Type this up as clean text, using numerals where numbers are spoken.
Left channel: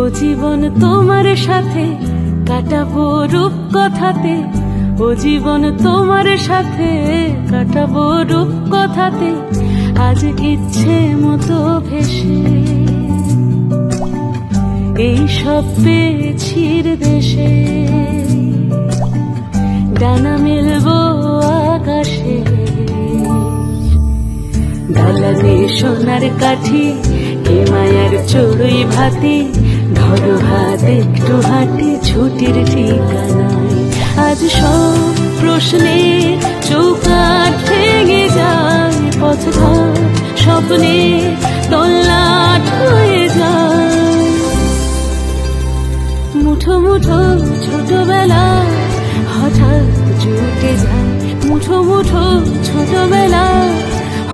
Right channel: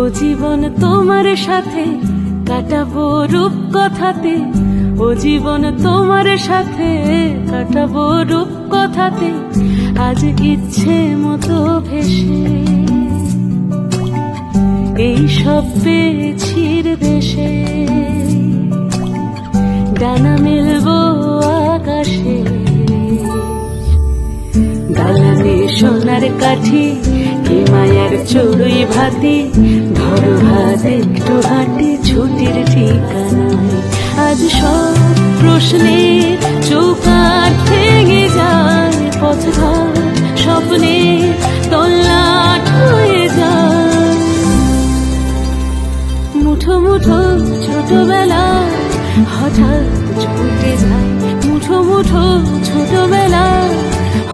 ও জীবন তোমার সাথে কাটাবো রূপ কথাতে, ও জীবন তোমার সাথে কাটাবো রূপ কথাতে, আজ ইচ্ছে মতো ভেসে এই সব পেয়েছির দেশে। ডানা মেলবো আকাশে, দালানে সোনার কাঠি, কি মায়ার চড়ুই ভাতি, ধরো হাত একটু হাঁটি ছুটির ঠিকানায়। আজ সব প্রশ্নের চৌকাঠ ভেঙে যায়, পথঘাট স্বপ্নে তল্লাট হয়ে যায়। মুঠো মুঠো ছোটবেলা হঠাৎ ছুটে যায়, মুঠো মুঠো ছোটবেলা